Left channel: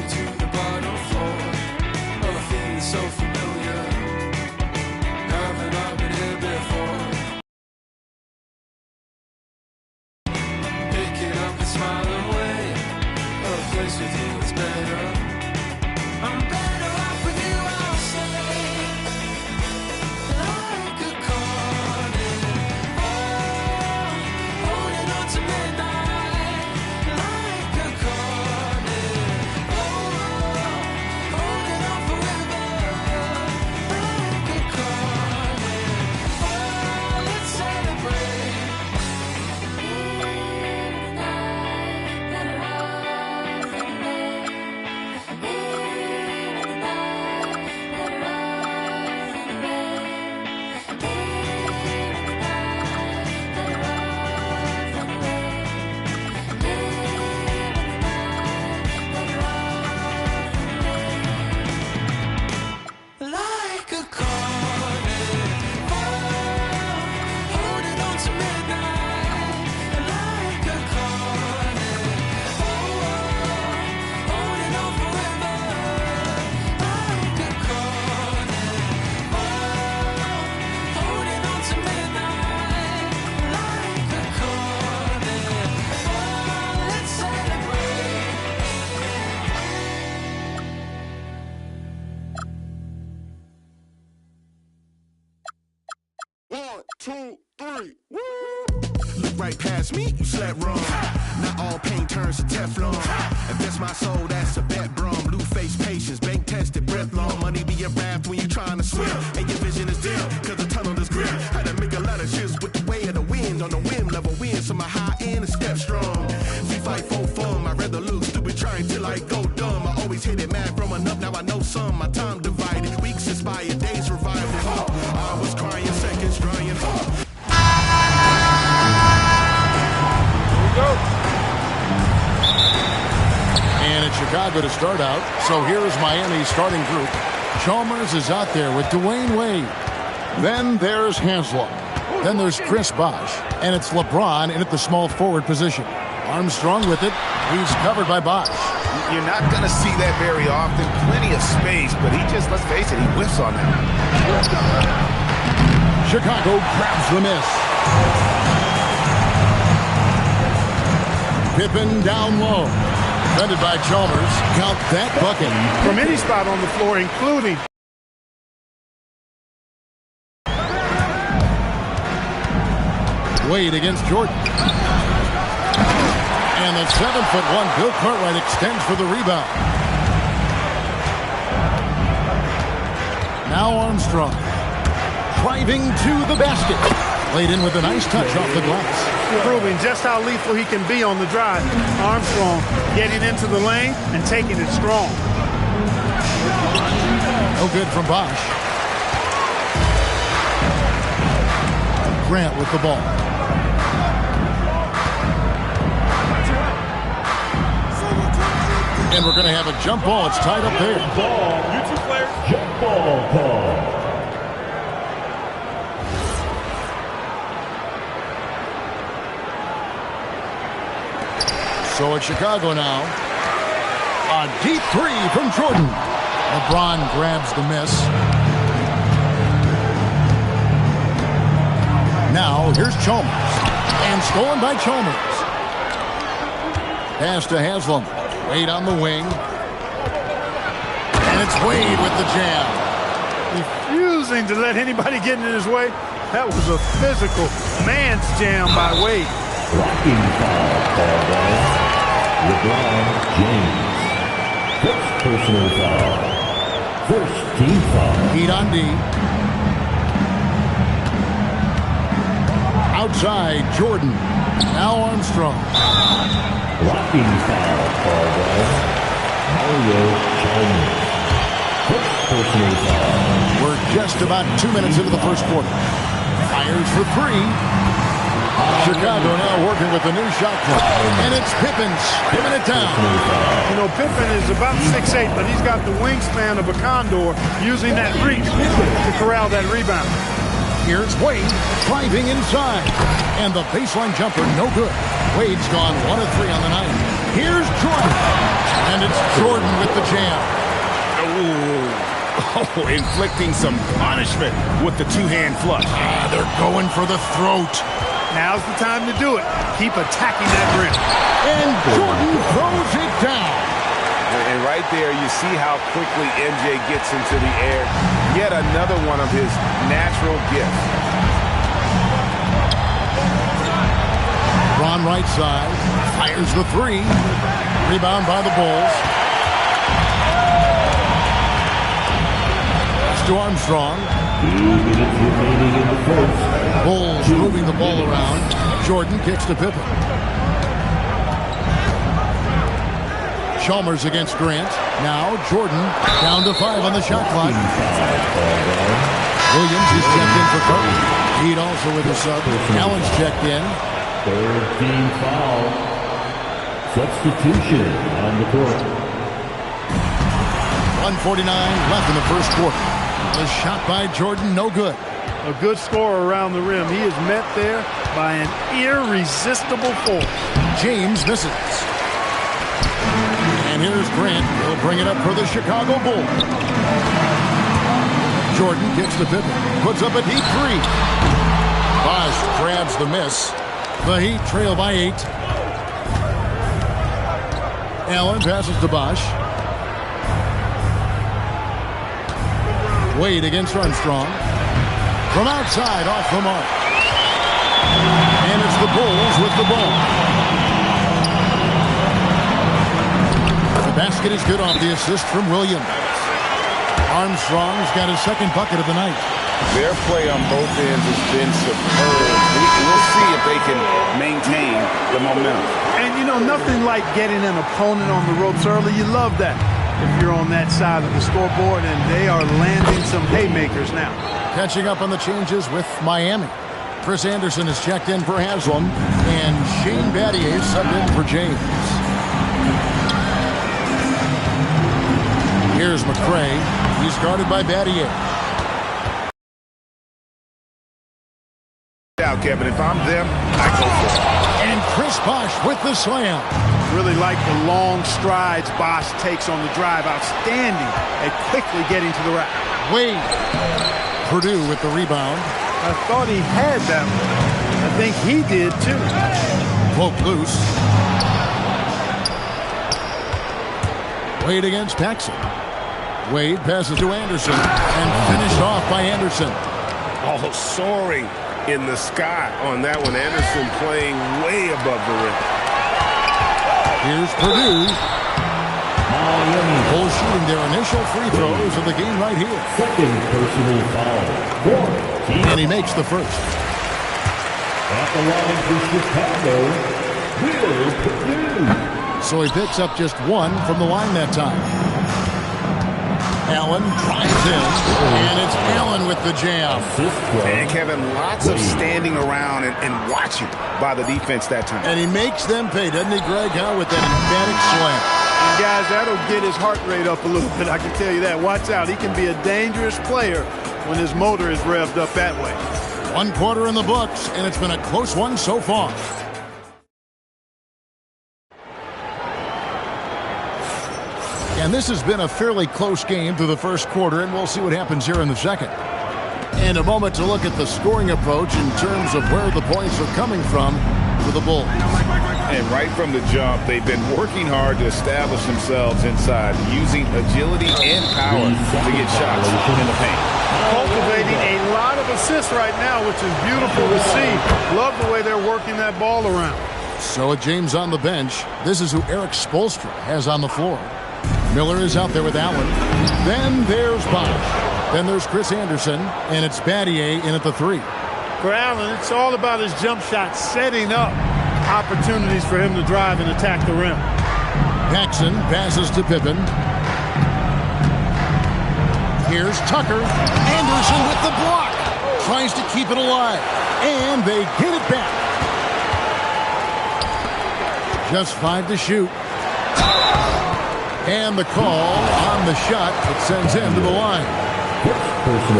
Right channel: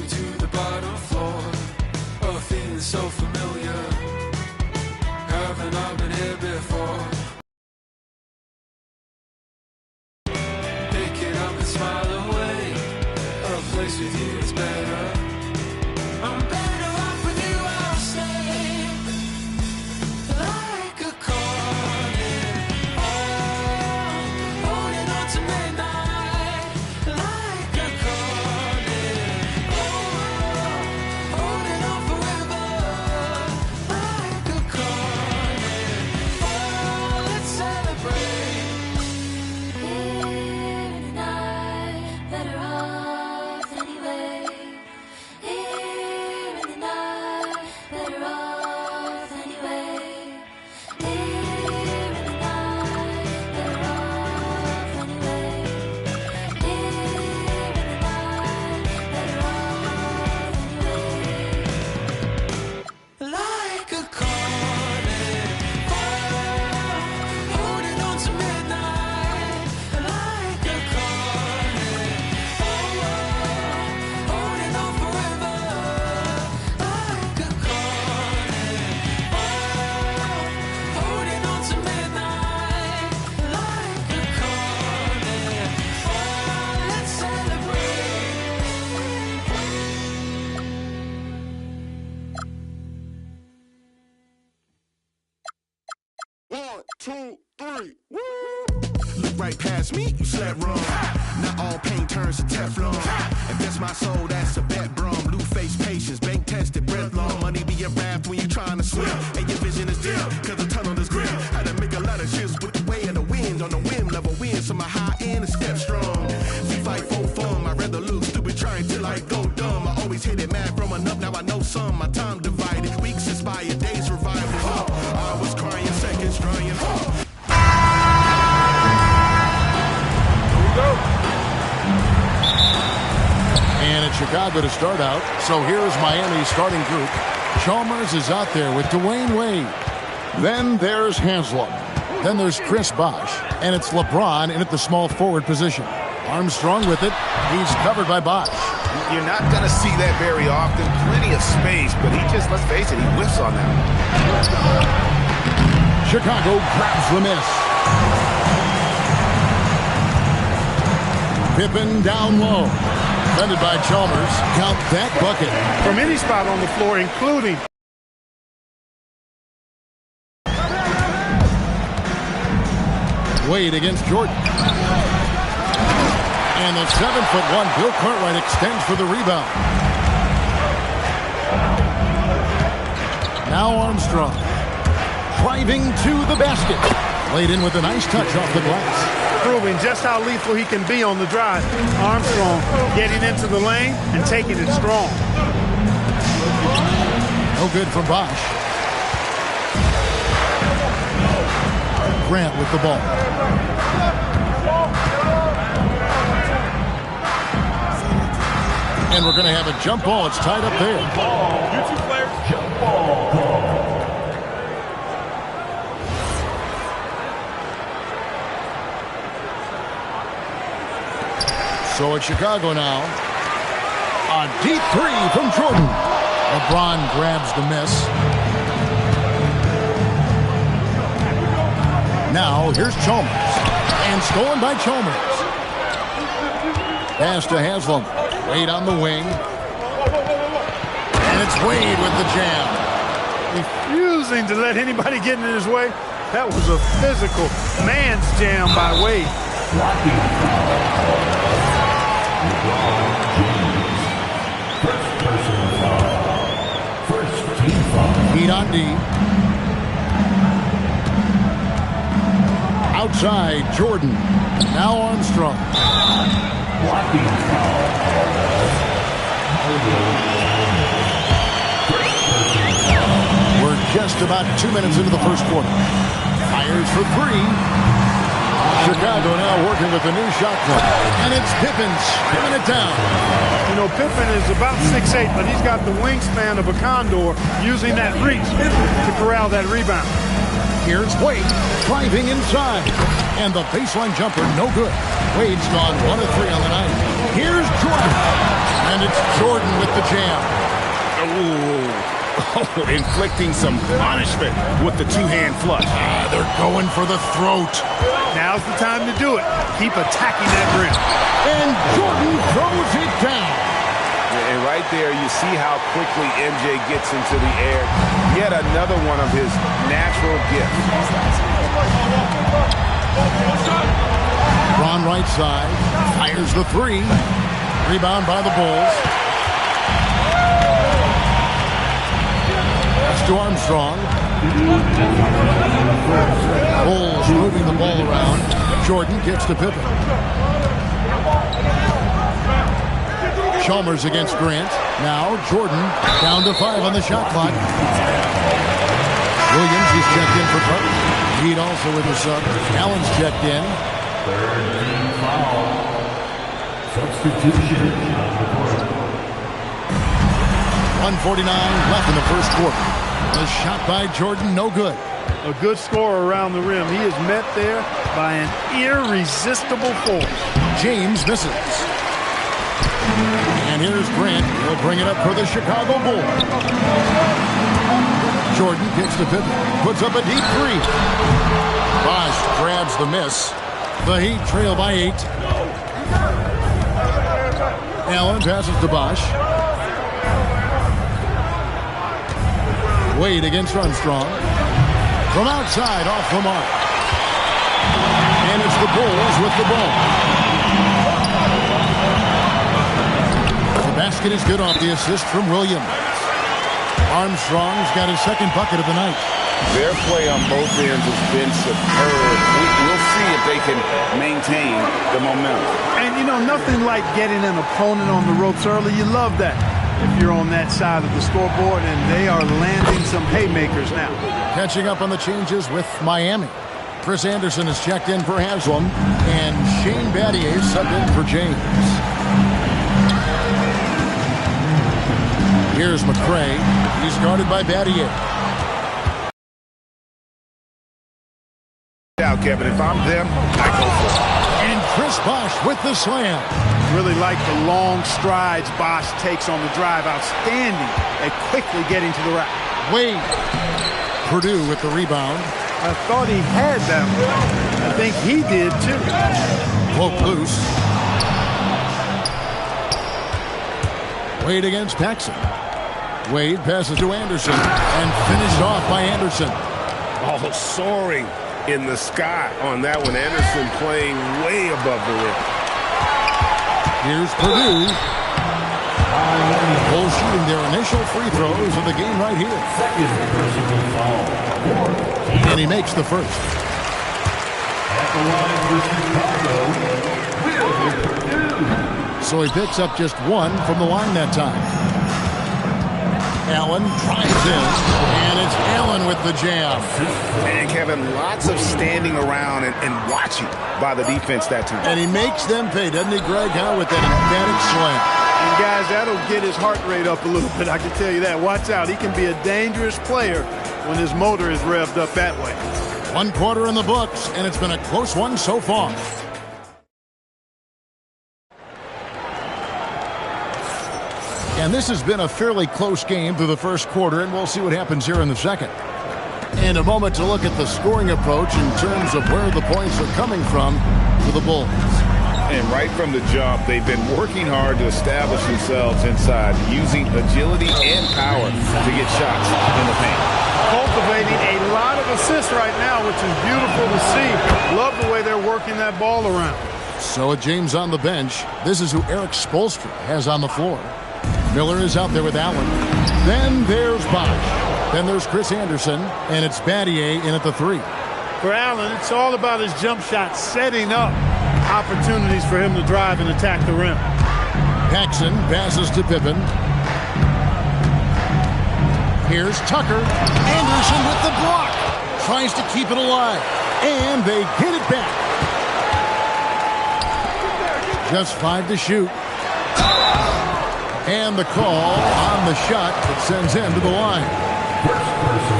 me to the bottom floor. A feeling so familiar. Haven't I been here before? Pick it up and smile away. A place with you is better. I'm better off with you, I'll say. Like a cornet, holding on to midnight. Like a cornet, holding on forever. Like a cornet, let's celebrate. In the night, better off anyway. In the night, better off anyway. In the night, better off anyway. In the night, better off anyway. Like a cornet, holding on to midnight. Like a cornet, holding on forever. Like a cornet, holding on to midnight. Like a cornet, let's celebrate. 1, 2, 3, woo! Look right past me, you slept wrong. Not all pain turns to Teflon. If that's my soul, that's a bet, brum. Blue face patience, bank tested, breath long. Money be a raft when you trying to swim. And your vision is dim, cause the tunnel is grim. Had to make a lot of shifts with the way of the wind. On the whim, level win, so my high end is step strong. We fight for fun, I'd rather look stupid trying till I go dumb. I always hit it mad from enough, now I know some. My time divided, weeks inspired, days revival. I was crying, seconds drying. And it's Chicago to start out. So here's Miami's starting group. Chalmers is out there with Dwayne Wade. Then there's Haslam. Then there's Chris Bosh. And it's LeBron in at the small forward position. Armstrong with it. He's covered by Bosh. You're not going to see that very often. Plenty of space, but he just, let's face it, he whiffs on that one. Chicago grabs the miss. Pippen down low. Defended by Chalmers. Count that bucket. From any spot on the floor, including. Wade against Jordan. And the 7'1" Bill Cartwright extends for the rebound. Now Armstrong. Driving to the basket. Laid in with a nice touch off the glass. Proving just how lethal he can be on the drive. Armstrong getting into the lane and taking it strong. No good from Bosh. Grant with the ball. And we're going to have a jump ball. It's tied up there. You two players, jump ball call. So it's Chicago now. A deep three from Jordan. LeBron grabs the miss. Now here's Chalmers. And stolen by Chalmers. Pass to Haslam. Wade on the wing. And it's Wade with the jam. Refusing to let anybody get in his way. That was a physical man's jam by Wade. Blocking foul called. LeBron James. First personal foul. First team foul. Heat on D. Outside, Jordan. Now Armstrong. Blocking foul called. Mario Chalmers. First personal foul. We're just about 2 minutes into the first quarter. Fires for three. Chicago now working with a new shot clock. And it's Pippen skimming it down. You know, Pippen is about 6'8", but he's got the wingspan of a condor, using that reach to corral that rebound. Here's Wade driving inside. And the baseline jumper, no good. Wade's gone 1 of 3 on the night. Here's Jordan. And And it's Jordan with the jam. Oh, inflicting some punishment with the two-hand flush. They're going for the throat. Now's the time to do it. Keep attacking that rim. And Jordan throws it down. And right there, you see how quickly MJ gets into the air. Yet another one of his natural gifts. Ron right side. Fires the three. Rebound by the Bulls. That's to Armstrong. Bulls moving the ball around. Jordan kicks to Pippen. Chalmers against Grant. Now Jordan down to 5 on the shot clock. Williams is checked in for Carter. Heat also with his sub. Allen's checked in. Third team foul. Substitution on the court. 1:49 left in the first quarter. The shot by Jordan, no good. A good score around the rim. He is met there by an irresistible force. James misses. And here's Grant. He'll bring it up for the Chicago Bulls. Jordan kicks to Pippen. Puts up a deep three. Bosch grabs the miss. The Heat trail by 8. Allen passes to Bosch. Wade against Armstrong. From outside, off the mark. And it's the Bulls with the ball. The basket is good off the assist from Williams. Armstrong's got his second bucket of the night. Their play on both ends has been superb. We'll see if they can maintain the momentum. And, you know, nothing like getting an opponent on the ropes early. You love that if you're on that side of the scoreboard, and they are landing some haymakers now. Catching up on the changes with Miami. Chris Anderson is checked in for Haslam, and Shane Battier subbed in for James. Here's McCray. He's guarded by Battier. Now, Kevin, if I'm them, I go for it. And Chris Bosh with the slam. Really like the long strides Bosch takes on the drive. Outstanding at quickly getting to the rack. Wade. Purdue with the rebound. I thought he had that one. I think he did, too. Poke loose. Wade against Paxson. Wade passes to Anderson and finished off by Anderson. Oh, soaring in the sky on that one. Anderson playing way above the rim. Here's Purdue. Miami. Bulls shooting their initial free throws of the game right here. Second personal foul. And he makes the first. At the line for Chicago, Will Purdue. So he picks up just one from the line that time. Allen drives in, and it's Allen with the jam. And Kevin, lots of standing around and watching by the defense that time. And he makes them pay, doesn't he, Greg? Huh? With that emphatic slam. And guys, that'll get his heart rate up a little bit, I can tell you that. Watch out, he can be a dangerous player when his motor is revved up that way. 1 quarter in the books, and it's been a close one so far. And this has been a fairly close game through the first quarter, and we'll see what happens here in the second. And a moment to look at the scoring approach in terms of where the points are coming from for the Bulls. And right from the jump, they've been working hard to establish themselves inside, using agility and power to get shots in the paint. Cultivating a lot of assists right now, which is beautiful to see. Love the way they're working that ball around. So with James on the bench, this is who Eric Spoelstra has on the floor. Miller is out there with Allen. Then there's Bosch. Then there's Chris Anderson, and it's Battier in at the 3. For Allen, it's all about his jump shot, setting up opportunities for him to drive and attack the rim. Paxson passes to Pippen. Here's Tucker. Anderson with the block. Tries to keep it alive. And they get it back. Just 5 to shoot. And the call on the shot that sends him to the line.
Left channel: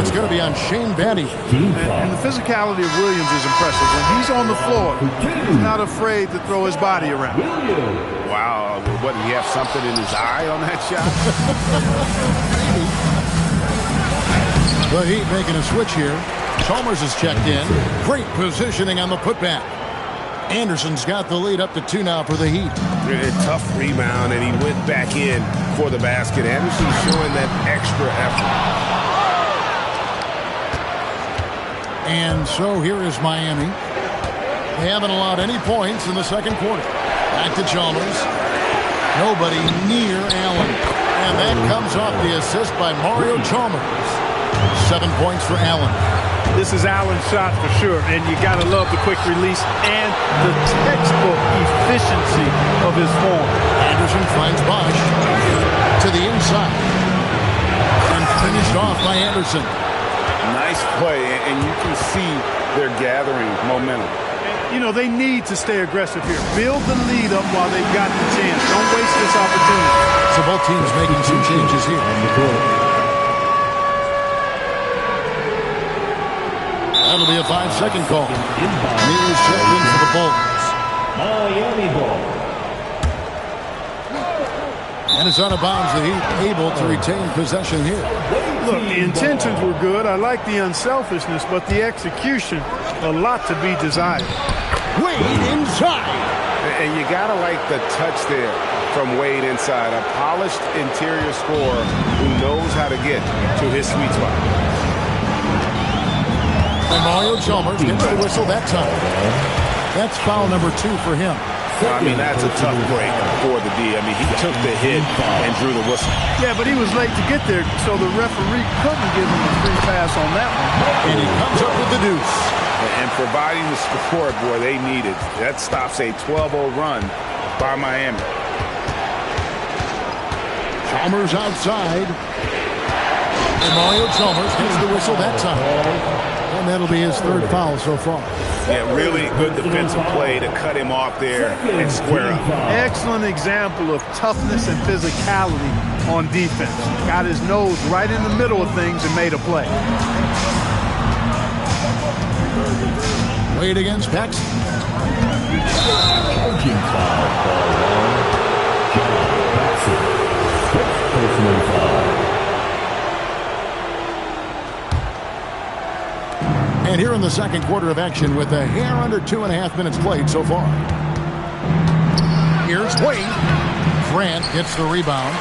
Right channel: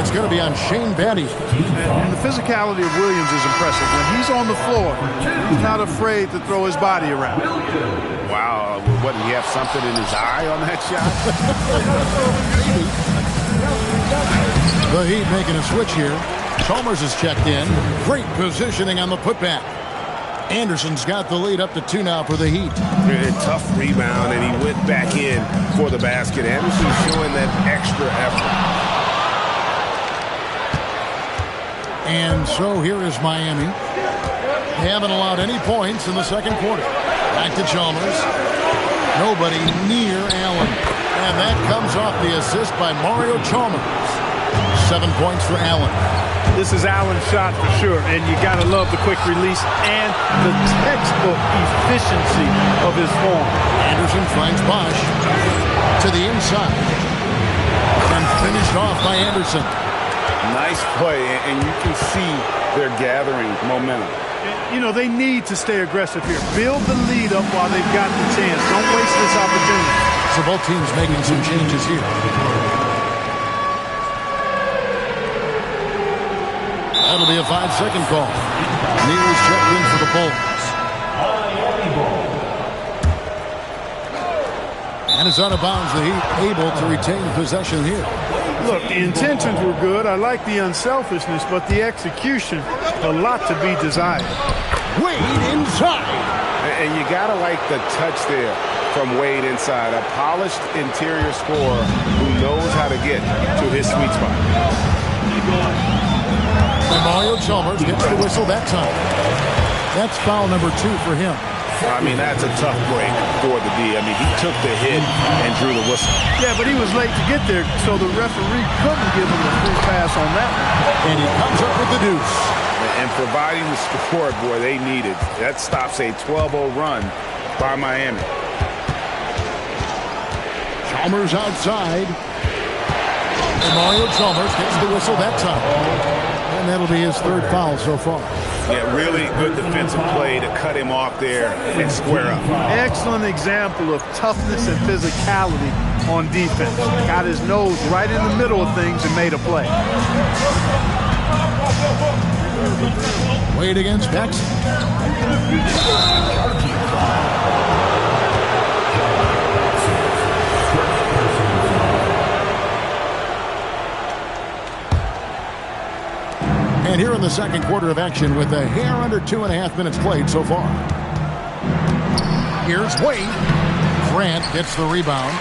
It's going to be on Shane Batty. And the physicality of Williams is impressive. When he's on the floor, he's not afraid to throw his body around. Wow, what, did he have something in his eye on that shot? The Heat making a switch here. Chalmers is checked in. Great positioning on the putback. Anderson's got the lead up to 2 now for the Heat. A tough rebound, and he went back in for the basket. Anderson's showing that extra effort. And so here is Miami. They haven't allowed any points in the second quarter. Back to Chalmers. Nobody near Allen. And that comes off the assist by Mario Chalmers. 7 points for Allen. This is Allen's shot for sure, and you got to love the quick release and the textbook efficiency of his form. Anderson finds Bosch to the inside. And finished off by Anderson. Nice play, and you can see they're gathering momentum. You know, they need to stay aggressive here. Build the lead up while they've got the chance. Don't waste this opportunity. So both teams making some changes here. That'll be a 5-second call. Neal's checked in for the Bulls. Miami ball. And it's out of bounds. The Heat able to retain possession here. Look, the intentions were good. I like the unselfishness, but the execution, a lot to be desired. Wade inside. And you got to like the touch there from Wade inside. A polished interior scorer who knows how to get to his sweet spot. And Mario Chalmers gets the whistle that time. That's foul number 2 for him. I mean, that's a tough break for the D. I mean, he took the hit and drew the whistle. Yeah, but he was late to get there, so the referee couldn't give him a free pass on that one. And he comes up with the deuce. And providing the score, boy, they needed. That stops a 12-0 run by Miami. Chalmers outside. And Mario Chalmers gets the whistle that time. And that'll be his 3rd foul so far. Yeah, really good defensive play to cut him off there and square up. Excellent example of toughness and physicality on defense. Got his nose right in the middle of things and made a play. Wade against Paxson. And here in the second quarter of action with a hair under 2.5 minutes played so far. Here's Wade. Grant gets the rebound.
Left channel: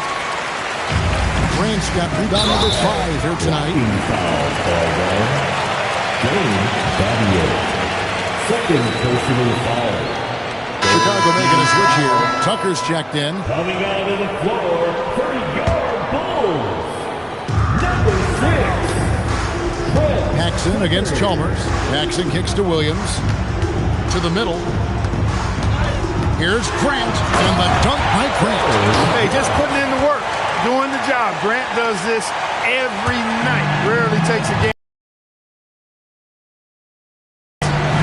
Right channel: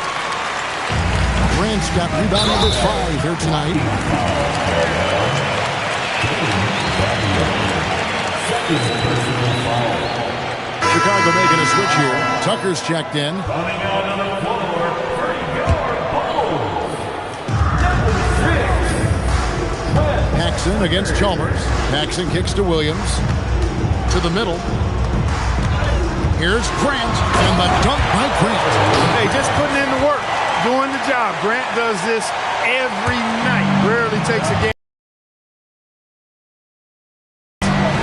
Grant's got rebound number 5 here tonight. Second personal foul. Chicago making a switch here. Tucker's checked in. Coming out of the floor for your Bulls. Number 6. Paxson against Chalmers. Paxson kicks to Williams. To the middle. Here's Grant. And the dunk by Grant. Hey, just putting in the work. Doing the job. Grant does this every night. Rarely takes a game.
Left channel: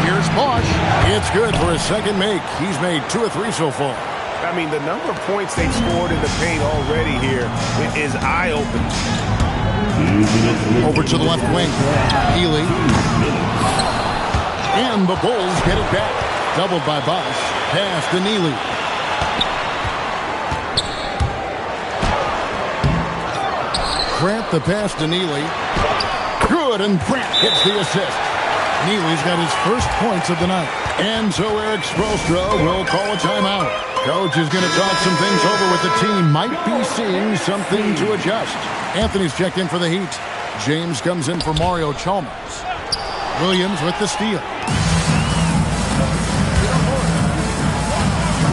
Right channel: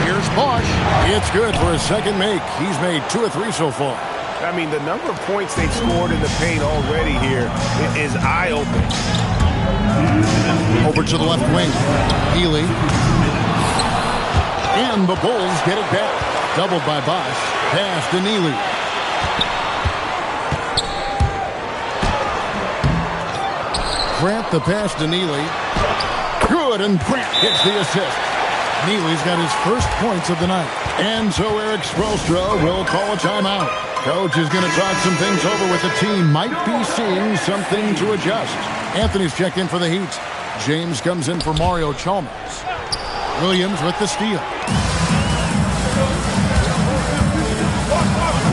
Here's Bosch. It's good for his second make. He's made 2 of 3 so far. I mean, the number of points they've scored in the paint already here is eye-opening. Over to the left wing. Healy. And the Bulls get it back. Doubled by Bosch. Pass to Neely. Grant the pass to Neely. Good, and Grant gets the assist. Neely's got his first points of the night. And so Eric Spoelstra will call a timeout. Coach is going to talk some things over with the team. Might be seeing something to adjust. Anthony's checked in for the Heat. James comes in for Mario Chalmers. Williams with the steal.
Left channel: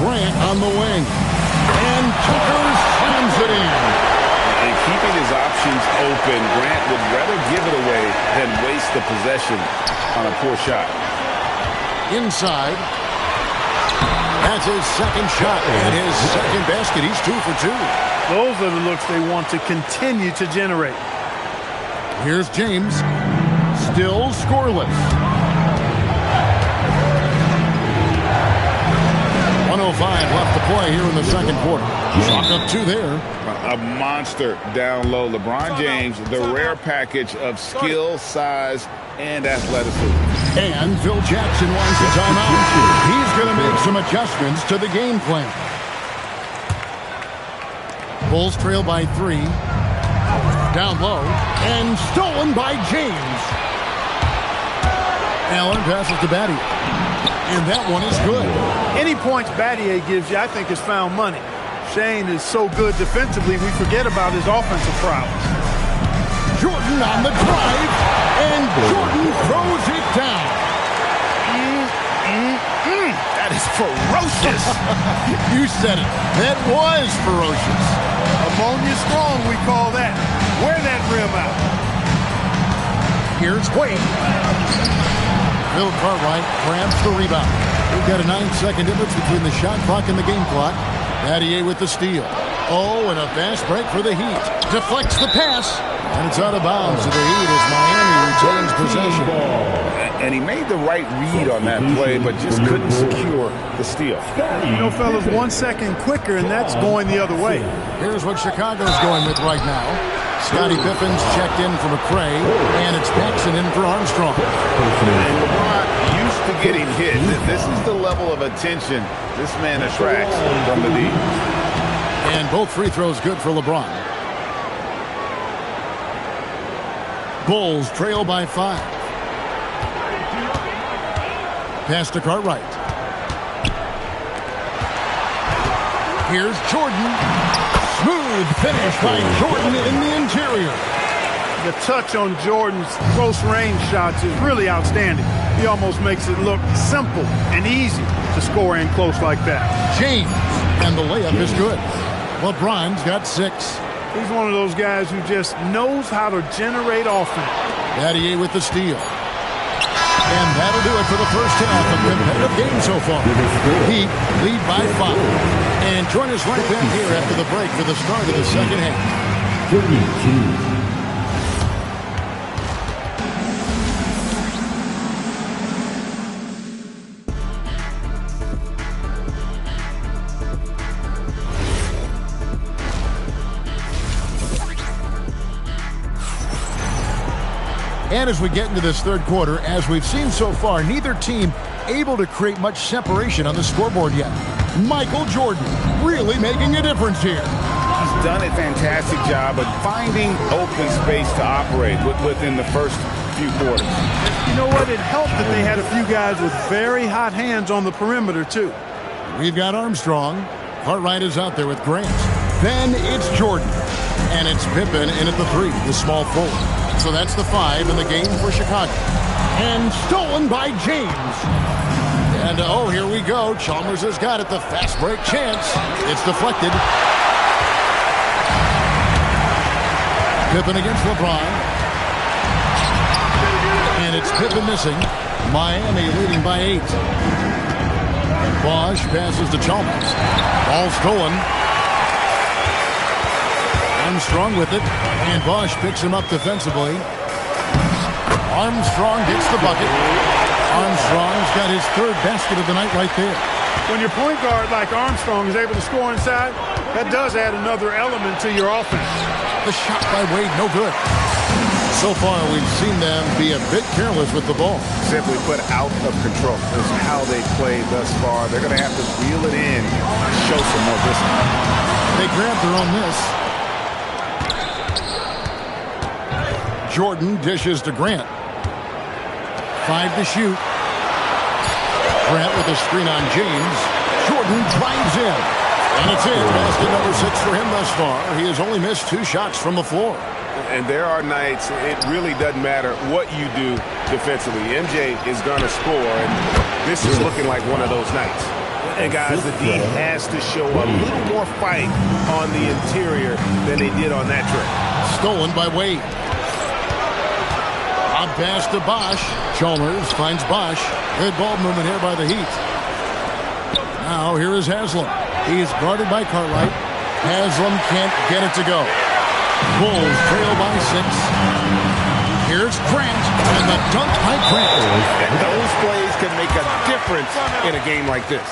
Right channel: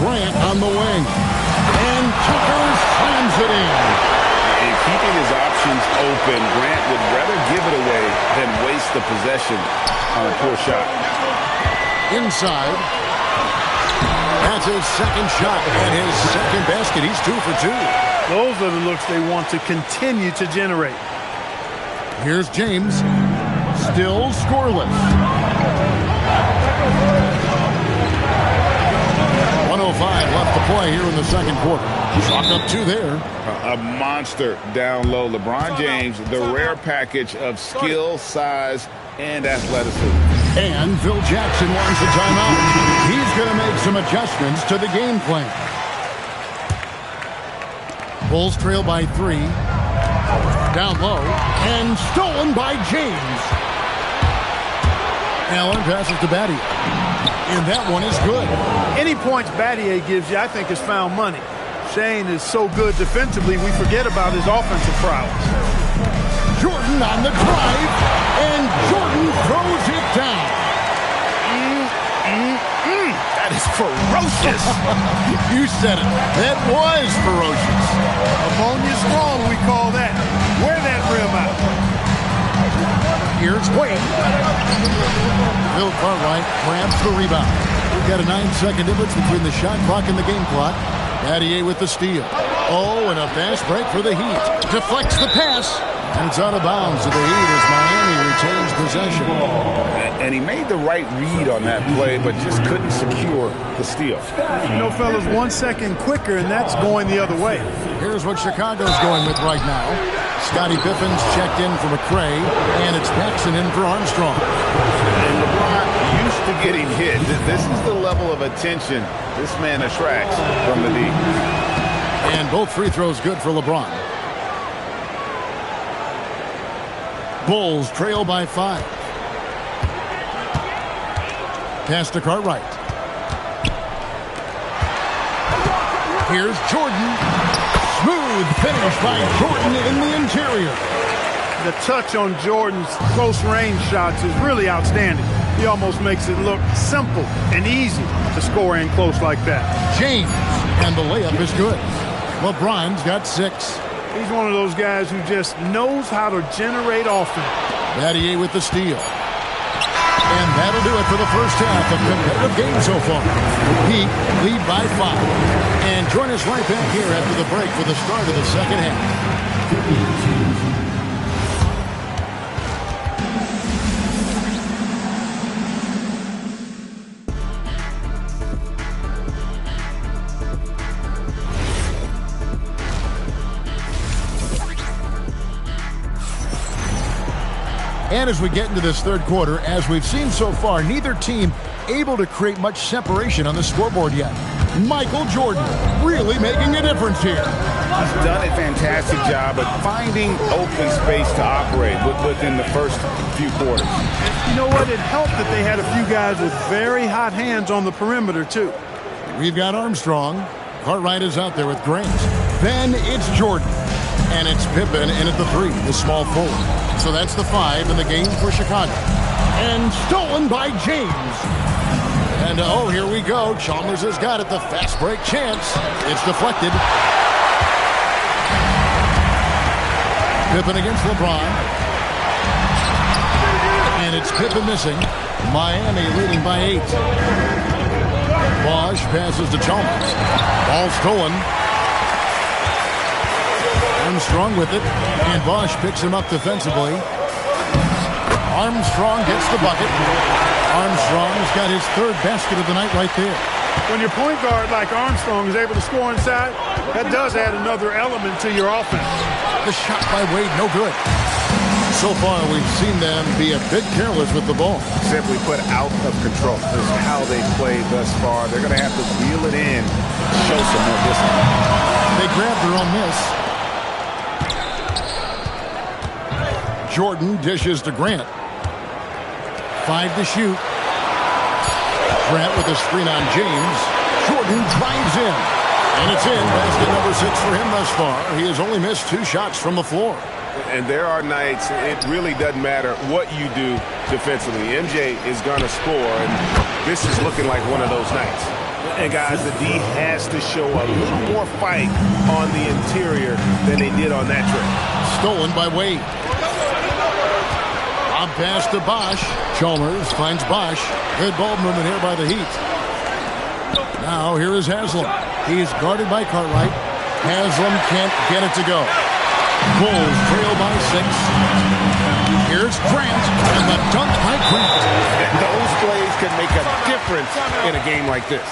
Grant on the wing. And Tucker slams it in. And keeping his options open, Grant would rather give it away than waste the possession on a poor shot. Inside. That's his second shot and his second basket. He's 2 for 2. Those are the looks they want to continue to generate. Here's James. Still scoreless. 1:05 left to play here in the second quarter. Chalk up 2 there. A monster down low. LeBron James, the rare package of skill, size, and athleticism. And Phil Jackson wants a timeout. He's going to make some adjustments to the game plan. Bulls trail by 3. Down low. And stolen by James. Allen passes to Battier. And that one is good. Any points Battier gives you, I think, is found money. Shane is so good defensively, we forget about his offensive prowess. Jordan on the drive, and Jordan throws it down. That is ferocious. You said it. That was ferocious. Ammonia strong, we call that. Wear that rim out. Here's Wade. Bill Cartwright grabs the rebound. We've got a 9-second difference between the shot clock and the game clock. Battier with the steal. Oh, and a fast break for the Heat. Deflects the pass. And it's out of bounds to the Heat as Miami retains possession. And he made the right read on that play, but just couldn't secure the steal. You know, fellas, 1 second quicker, and that's going the other way. Here's what Chicago's going with right now. Scottie Piffin's checked in for McRae, and it's Paxson in for Armstrong. And LeBron used to getting hit. This is the level of attention this man attracts from the D. And both free throws good for LeBron. Bulls trail by 5. Pass to Cartwright. Here's Jordan. Smooth finish by Jordan in the interior. The touch on Jordan's close-range shots is really outstanding. He almost makes it look simple and easy to score in close like that. James, and the layup is good. LeBron's got 6. He's one of those guys who just knows how to generate offense. Battier with the steal. And that'll do it for the first half of competitive game so far. Heat lead by 5. And join us right back here after the break for the start of the second half. 32. And as we get into this third quarter, as we've seen so far, neither team able to create much separation on the scoreboard yet. Michael Jordan really making a difference here. He's done a fantastic job of finding open space to operate within the first few quarters. You know what? It helped that they had a few guys with very hot hands on the perimeter, too. We've got Armstrong. Cartwright is out there with Grant. Then it's Jordan. And it's Pippen in at the 3, the small forward. So that's the 5 in the game for Chicago. And stolen by James. And oh, here we go. Chalmers has got it. The fast break chance. It's deflected. Pippen against LeBron. And it's Pippen missing. Miami leading by 8. Bosch passes to Chalmers. Ball stolen. Armstrong with it, and Bosch picks him up defensively. Armstrong gets the bucket. Armstrong's got his 3rd basket of the night right there. When your point guard like Armstrong is able to score inside, that does add another element to your offense. The shot by Wade, no good. So far, we've seen them be a bit careless with the ball. Simply put, out of control. This is how they played thus far. They're going to have to reel it in, show some more discipline. They grabbed their own miss. Jordan dishes to Grant. 5 to shoot. Grant with a screen on James. Jordan drives in. And it's in. Basket number 6 for him thus far. He has only missed 2 shots from the floor. And there are nights it really doesn't matter what you do defensively. MJ is going to score, and this is looking like one of those nights. And, guys, the D has to show a little more fight on the interior than they did on that trip. Stolen by Wade. Lob pass to Bosch. Chalmers finds Bosch. Good ball movement here by the Heat. Now here is Haslam. He is guarded by Cartwright. Haslam can't get it to go. Bulls trail by 6. Here's Grant, and the dunk by Grant. And those plays can make a difference in a game like this.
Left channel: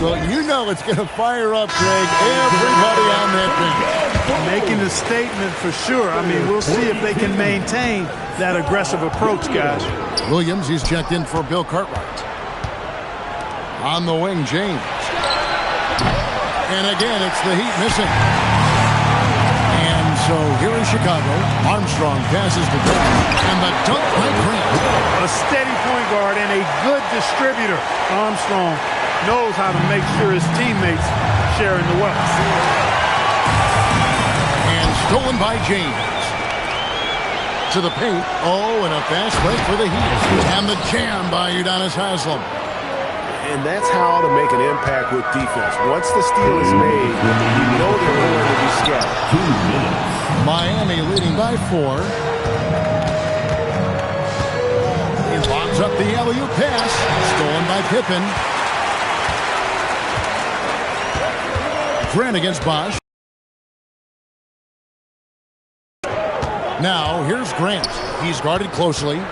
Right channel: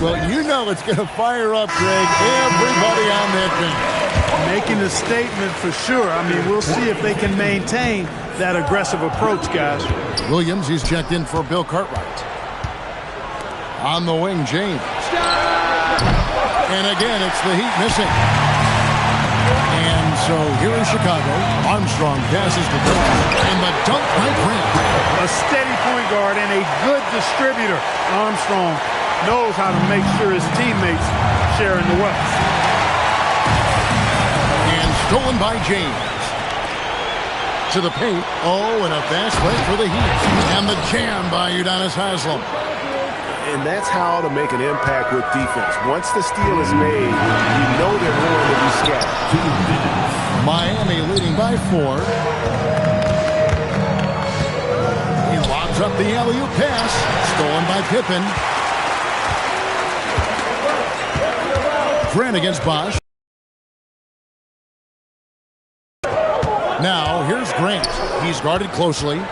Well, you know it's going to fire up, Greg, everybody on that bench. Making a statement for sure. I mean, we'll see if they can maintain that aggressive approach, guys. Williams, he's checked in for Bill Cartwright. On the wing, James. And again, it's the Heat missing. And so here is Chicago. Armstrong passes to Grant. And the dunk by Grant. A steady point guard and a good distributor. Armstrong knows how to make sure his teammates share in the wealth. And stolen by James. To the paint. Oh, and a fast break for the Heat. And the jam by Udonis Haslem. And that's how to make an impact with defense. Once the steal is made, you know they're going to be scattered. 2 minutes. Miami leading by 4. He lobs up the alley-oop pass. Stolen by Pippen. Grant against Bosch. Now, here's Grant. He's guarded closely.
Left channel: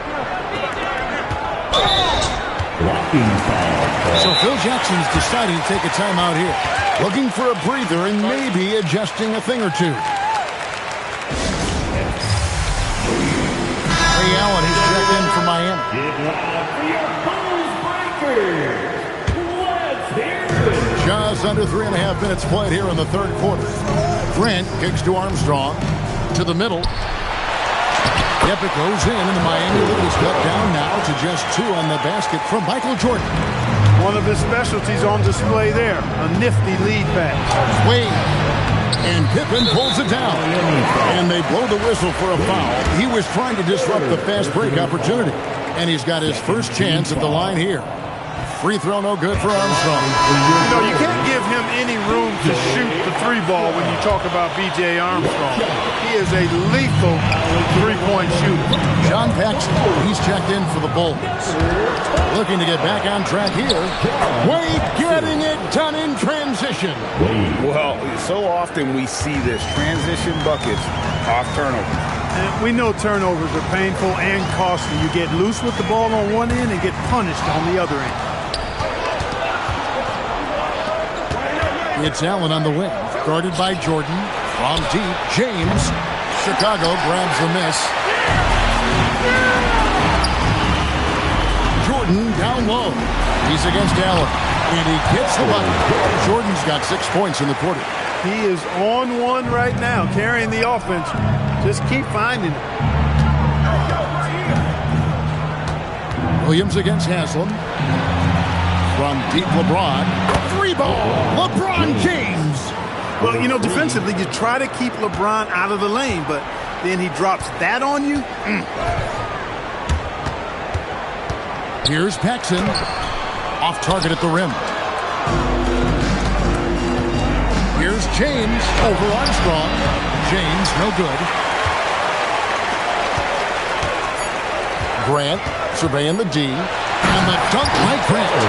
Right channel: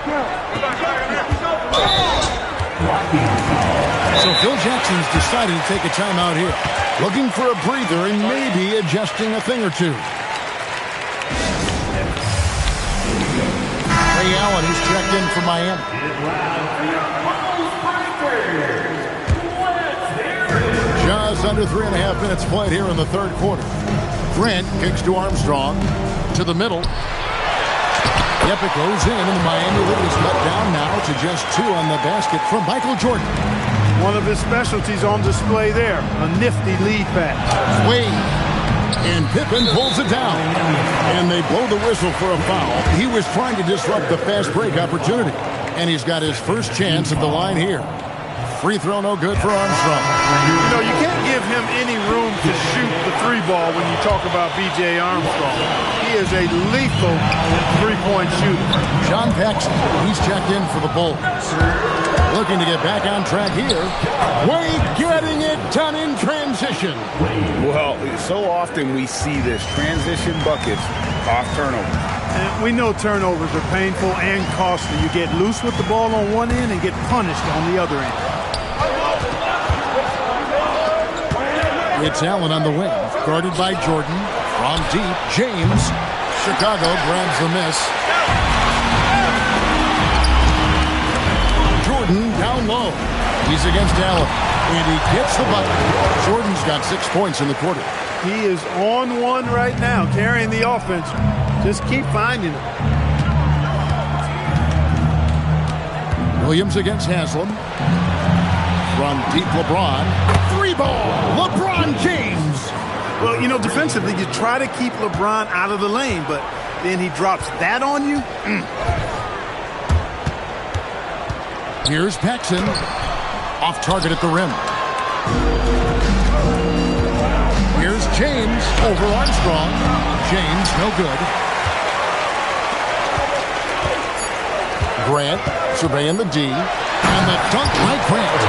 So Phil Jackson's decided to take a timeout here. Looking for a breather and maybe adjusting a thing or two. Ray Allen, he's checked in for Miami. Just under 3.5 minutes played here in the third quarter. Grant kicks to Armstrong. To the middle. Yep, it goes in, and the Miami lead is cut down now to just 2 on the basket from Michael Jordan. One of his specialties on display there. A nifty lead pass. Wade. And Pippen pulls it down. And they blow the whistle for a foul. He was trying to disrupt the fast break opportunity. And he's got his first chance at the line here. Free throw no good for Armstrong. You know, you can't give him any room to shoot the 3-ball when you talk about B.J. Armstrong. He is a lethal 3-point shooter. John Paxson, he's checked in for the Bulls. Looking to get back on track here. Wade getting it done in transition. Well, so often we see this. Transition buckets off turnovers. And we know turnovers are painful and costly. You get loose with the ball on one end and get punished on the other end. It's Allen on the wing, guarded by Jordan. From deep, James. Chicago grabs the miss. Jordan down low. He's against Allen, and he gets the bucket. Jordan's got 6 points in the quarter. He is on one right now, carrying the offense. Just keep finding it. Williams against Haslem. From deep, LeBron. 3-ball. LeBron James. Well, you know, defensively, you try to keep LeBron out of the lane, but then he drops that on you. Here's Paxson. Off target at the rim. Here's James over Armstrong. James, no good. Grant surveying the D. And the dunk by Grant.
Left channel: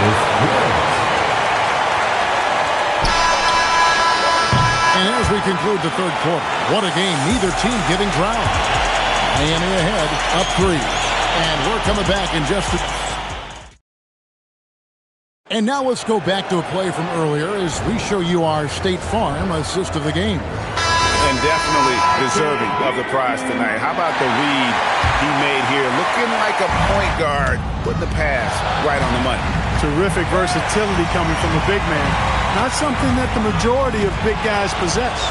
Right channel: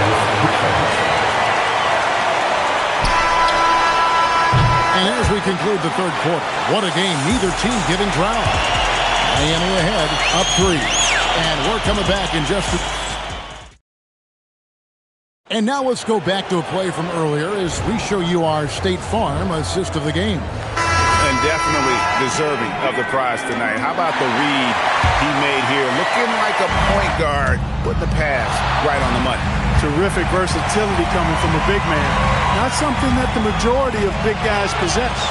And as we conclude the third quarter, what a game, neither team giving ground. Miami ahead, up 3. And we're coming back in just a... And now let's go back to a play from earlier as we show you our State Farm assist of the game. And definitely deserving of the prize tonight. How about the read he made here? Looking like a point guard, putting the pass right on the money. Terrific versatility coming from a big man. Not something that the majority of big guys possess.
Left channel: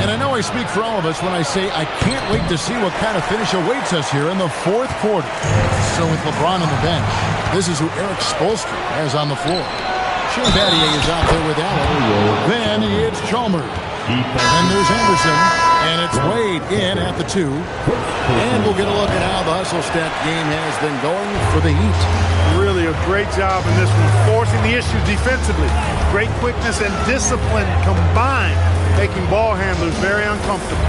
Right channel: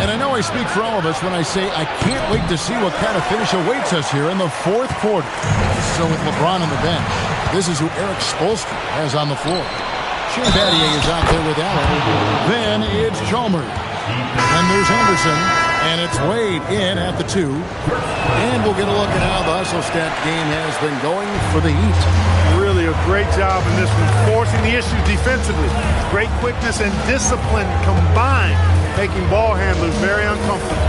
And I know I speak for all of us when I say I can't wait to see what kind of finish awaits us here in the fourth quarter. So with LeBron on the bench, this is who Eric Spoelstra has on the floor. Shane Battier is out there with Allen. Then it's Chalmers. Then there's Anderson. And it's Wade in at the 2. And we'll get a look at how the hustle stat game has been going for the Heat. Really a great job in this one, forcing the issue defensively. Great quickness and discipline combined, making ball handlers very uncomfortable.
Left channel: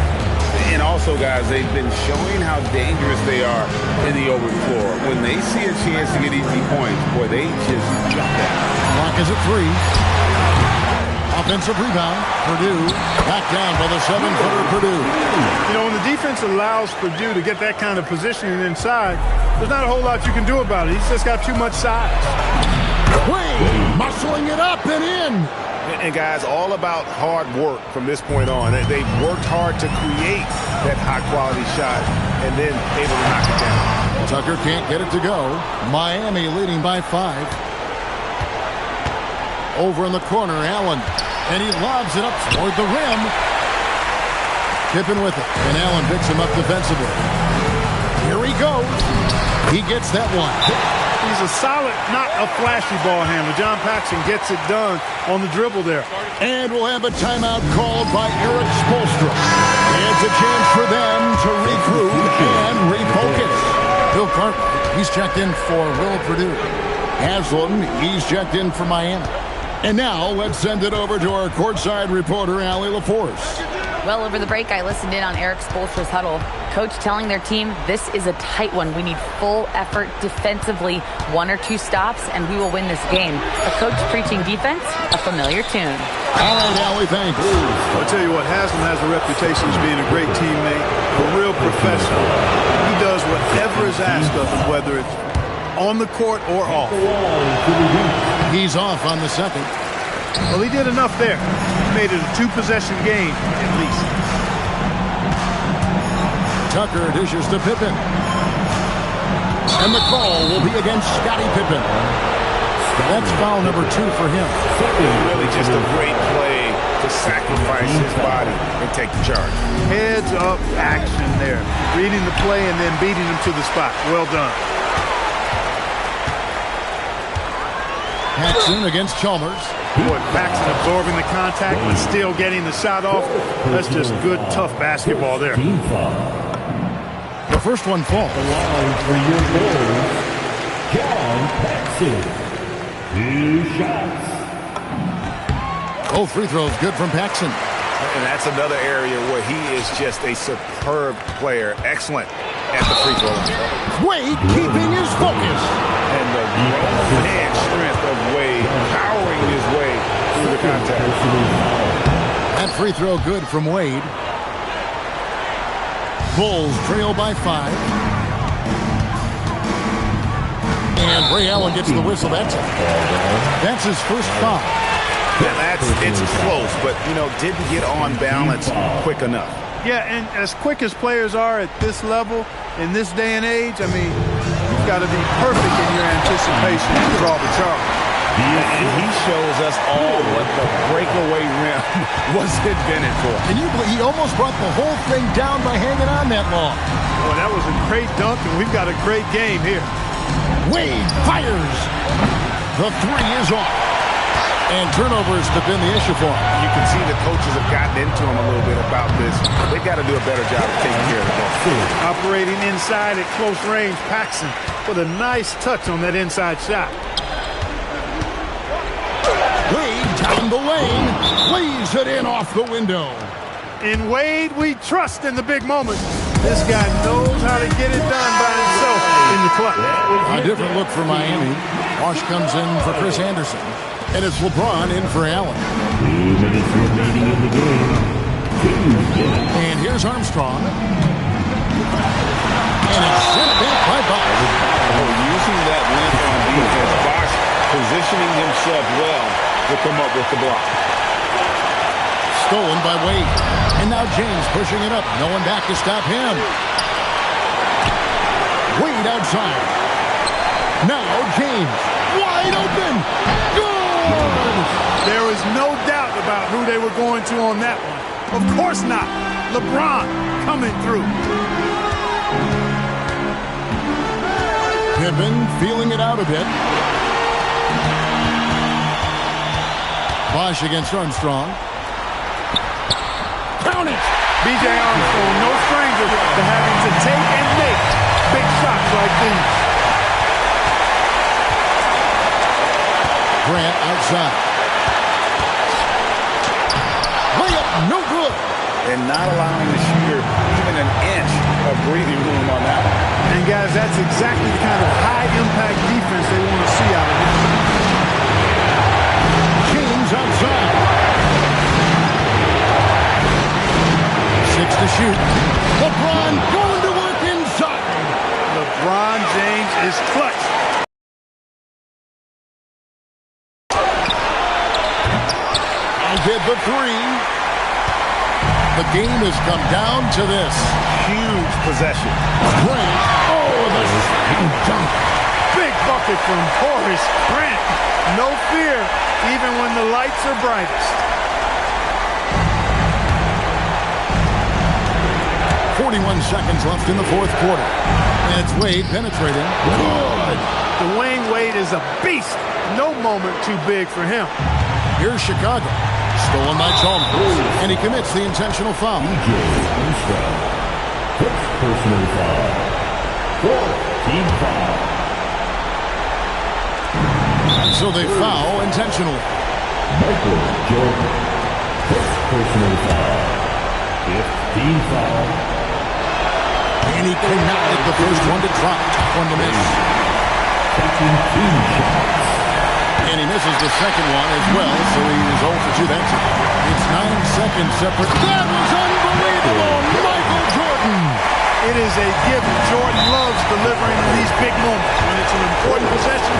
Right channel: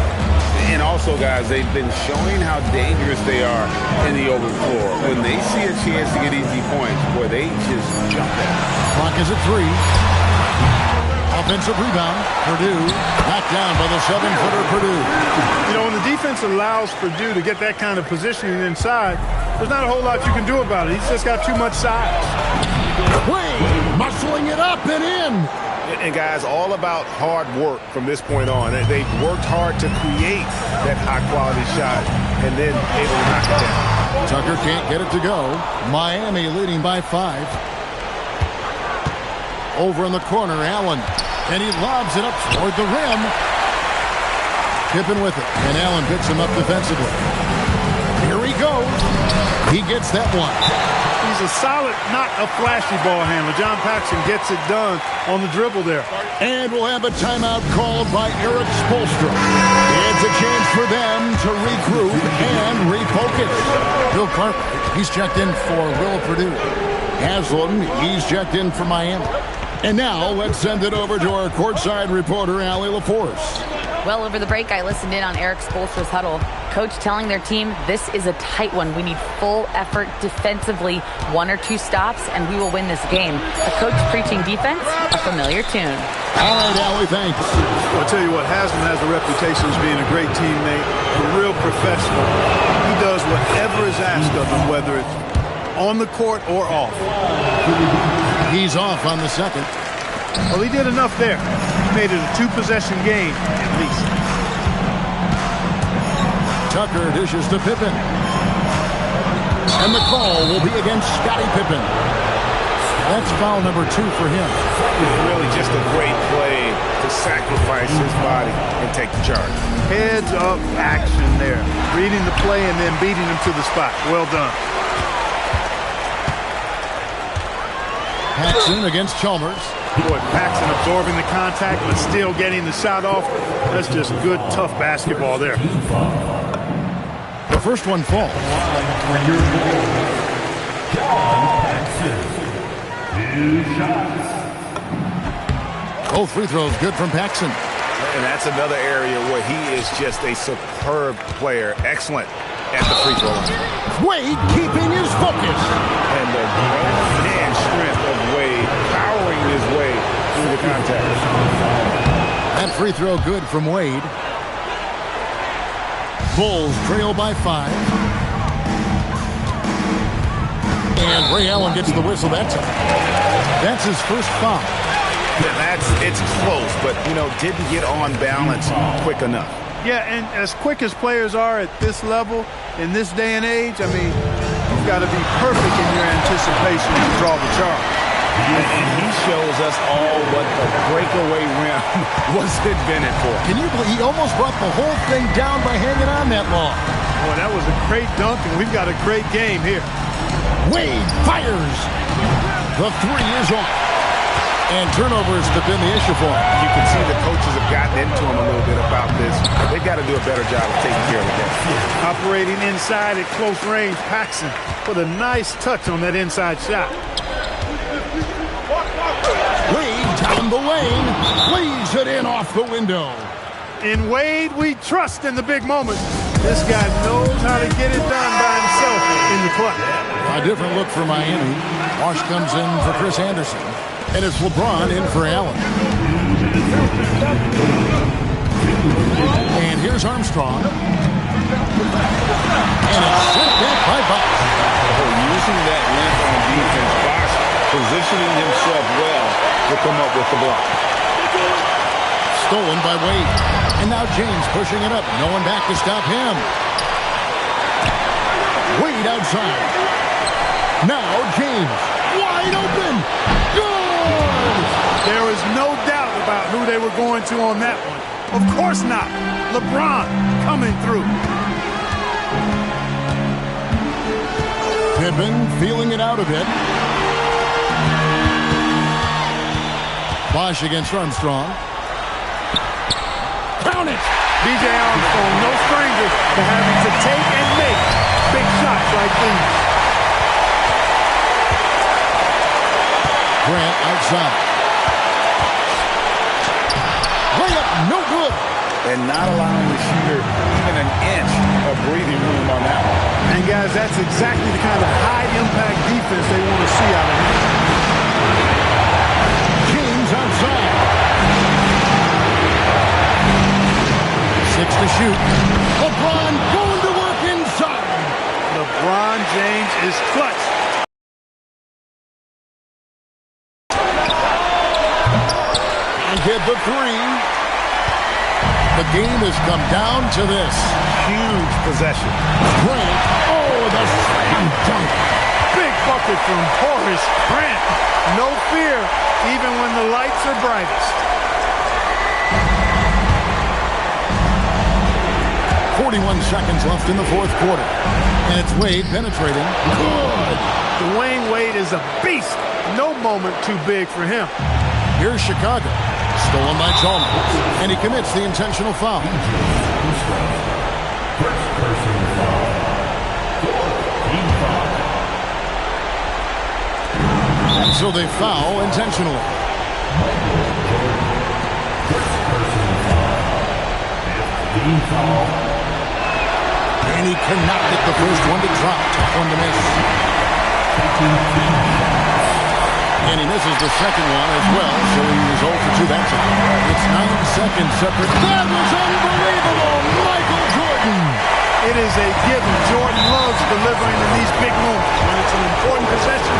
And also, guys, they've been showing how dangerous they are in the open floor. When they see a chance to get easy points, boy, they just jump at it. Clock is at 3. Offensive rebound. Purdue back down by the 7-footer Purdue. You know, when the defense allows Purdue to get that kind of positioning inside, there's not a whole lot you can do about it. He's just got too much size. Wade muscling it up and in. And guys, all about hard work from this point on. They've worked hard to create that high-quality shot and then able to knock it down. Tucker can't get it to go. Miami leading by 5. Over in the corner, Allen. And he lobs it up toward the rim. Pippen with it. And Allen picks him up defensively. Here he goes. He gets that one. He's a solid, not a flashy ball handler. John Paxson gets it done on the dribble there. And we'll have a timeout called by Eric Spoelstra. It's a chance for them to regroup and refocus. Bill Cartwright, he's checked in for Will Purdue. Haslam, he's checked in for Miami. And now let's send it over to our courtside reporter, Allie LaForce. Well, over the break, I listened in on Eric Spoelstra's huddle. Coach telling their team, this is a tight one. We need full effort defensively, 1 or 2 stops, and we will win this game. A coach preaching defense, a familiar tune. All right, Allie, thanks. Well, I'll tell you what, Haslam has a reputation as being a great teammate, a real professional. He does whatever is asked of him, whether it's on the court or off. He's off on the second. Well, he did enough there. He made it a 2-possession game, at least. Tucker dishes to Pippen. And the call will be against Scottie Pippen. That's foul number 2 for him. Really just a great play to sacrifice his body and take the charge. Heads up action there. Reading the play and then beating him to the spot. Well done. Paxson against Chalmers. Boy, Paxson absorbing the contact but still getting the shot off. That's just good, tough basketball there. The first one falls. For your goal, John Paxson. 2 shots. Both free throws good from Paxson. And that's another area where he is just a superb player. Excellent at the free throw line. Wade keeping his focus. And the grown man strength of Wade powering his way through the contact. That free throw good from Wade. Bulls trail by 5. And Ray Allen gets the whistle that time. That's his first foul. Now it's close, but, you know, didn't get on balance quick enough. Yeah, and as quick as players are at this level, in this day and age, I mean, you've got to be perfect in your anticipation to draw the charge. And he shows us all what the breakaway rim was invented for. Can you believe he almost brought the whole thing down by hanging on that long? Boy, that was a great dunk, and we've got a great game here. Wade fires. The 3 is off. And turnovers have been the issue for him. You can see the coaches have gotten into him a little bit about this. They've got to do a better job of taking care of the ball. Operating inside at close range, Paxson with a nice touch on that inside shot. Wade down the lane, plays it in off the window. In Wade, we trust in the big moments. This guy knows how to get it done by himself in the clutch. A different look for Miami. Wash comes in for Chris Anderson. And it's LeBron in for Allen. And here's Armstrong. And it's sent back by Bosch. Oh, using that length on defense, Bosch positioning himself well to come up with the block. Stolen by Wade. And now James pushing it up. No one back to stop him. Wade outside. Now James. Wide open. Good! There was no doubt about who they were going to on that one. Of course not. LeBron coming through. Pippen feeling it out a bit. Bosch against Armstrong. Count it! B.J. Armstrong, no stranger to having to take and make big shots like these. Grant outside. Layup, no good. And not allowing the shooter even an inch of breathing room on that one. And, guys, that's exactly the kind of high-impact defense they want to see out of him. James outside. 6 to shoot. LeBron going to work inside. LeBron James is clutch. And hit the 3. The game has come down to this. Huge possession. Grant. Oh, the slam dunk. Big bucket from Horace Grant. No fear, even when the lights are brightest. 41 seconds left in the fourth quarter. And it's Wade penetrating. Good. Dwayne Wade is a beast. No moment too big for him. Here's Chicago. Stolen by Chalmers. And he commits the intentional foul. First personal foul. Team foul. And so they foul intentionally. Michael Jordan. First personal foul. 15 foul. And he connected the first one to drop. Tough one to miss. Taking team shots. And he misses the second one as well, so he is 0 for 2 that time. It's 9 seconds separate. That was unbelievable! Michael Jordan! It is a given. Jordan loves delivering in these big moments. When it's an important possession,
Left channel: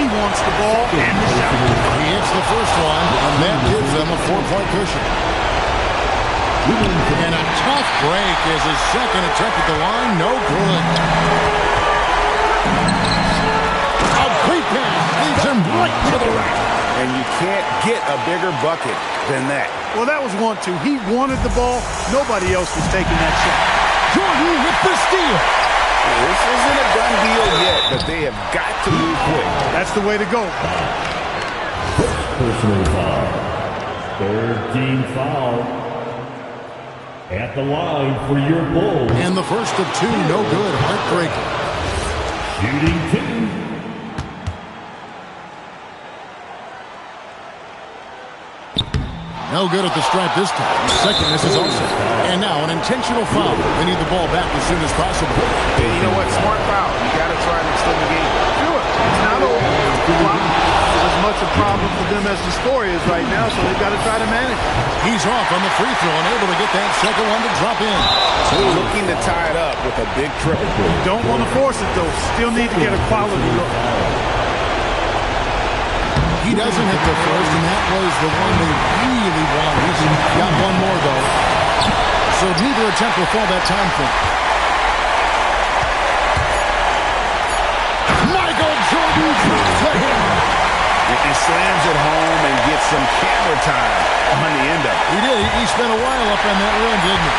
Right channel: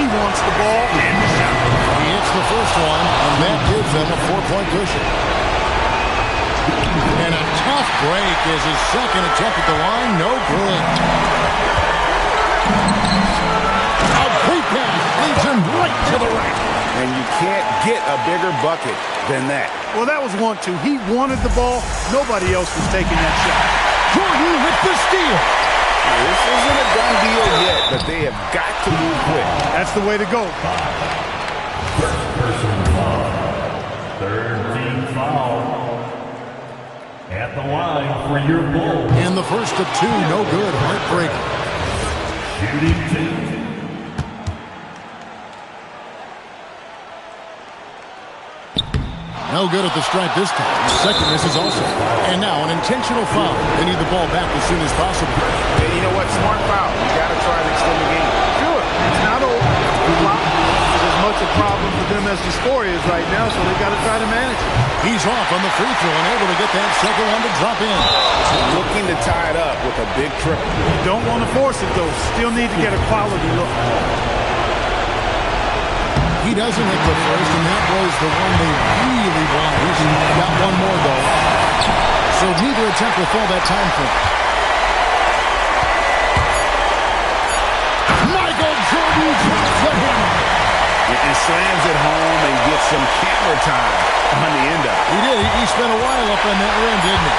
he wants the ball and the shot. He hits the first one, and that gives them a 4-point cushion. And a tough break is his second attempt at the line. No good. A quick pass leads him right to the rack. And you can't get a bigger bucket than that. Well, that was 1-2. He wanted the ball. Nobody else was taking that shot. Jordan with the steal. This isn't a done deal yet, but they have got to move quick. That's the way to go. First personal foul. Third team foul. At the line for your Bulls. And the first of 2, no good. Heartbreaker. Shooting 2. No good at the stripe this time. Second misses also. And now an intentional foul. They need the ball back as soon as possible. Yeah, you know what? Smart foul. You got to try to extend the game. Sure. It's not over. The clock is as much a problem for them as the score is right now, so they've got to try to manage it. He's off on the free throw and able to get that second one to drop in. Looking to tie it up with a big triple. You don't want to force it, though. Still need to get a quality look. He doesn't hit the first, and that was the one they really wanted. He's got one more, though. So neither attempt will fall that time for him. Michael Jordan drops the hammer. And slams it home and gets some camera time on the end of it. He did. He spent a while up on that rim, didn't he?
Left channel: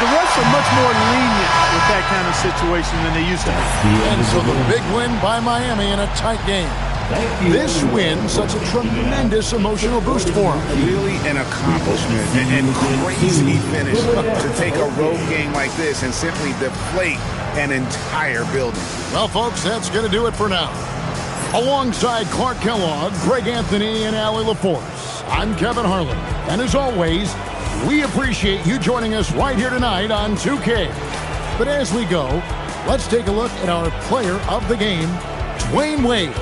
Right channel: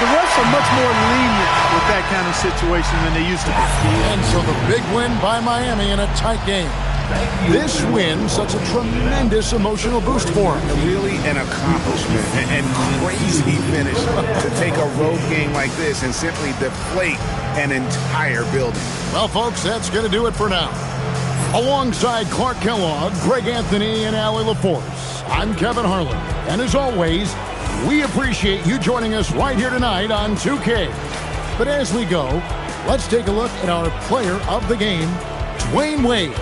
The refs are much more lenient with that kind of situation than they used to be. And so the big win by Miami in a tight game. This win, such a tremendous emotional boost for him. Really an accomplishment and crazy finish to take a road game like this and simply deflate an entire building. Well, folks, that's going to do it for now. Alongside Clark Kellogg, Greg Anthony, and Allie LaForce, I'm Kevin Harlan. And as always, we appreciate you joining us right here tonight on 2K. But as we go, let's take a look at our player of the game, Dwayne Wade.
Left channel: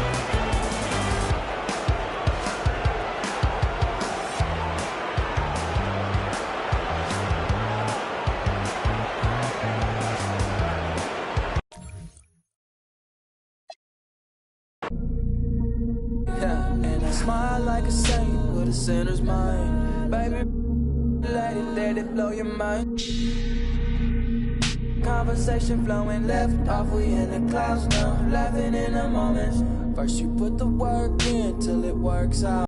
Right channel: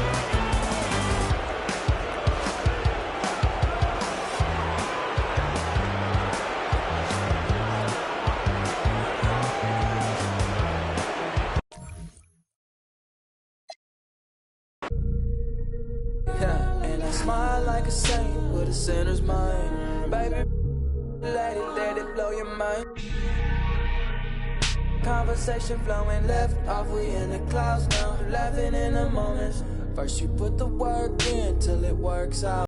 Smile like a saint with a sinner's mind. Baby, let it blow your mind. Conversation flowing left off, we in the clouds now. Laughing in the moments. First you put the work in till it works out.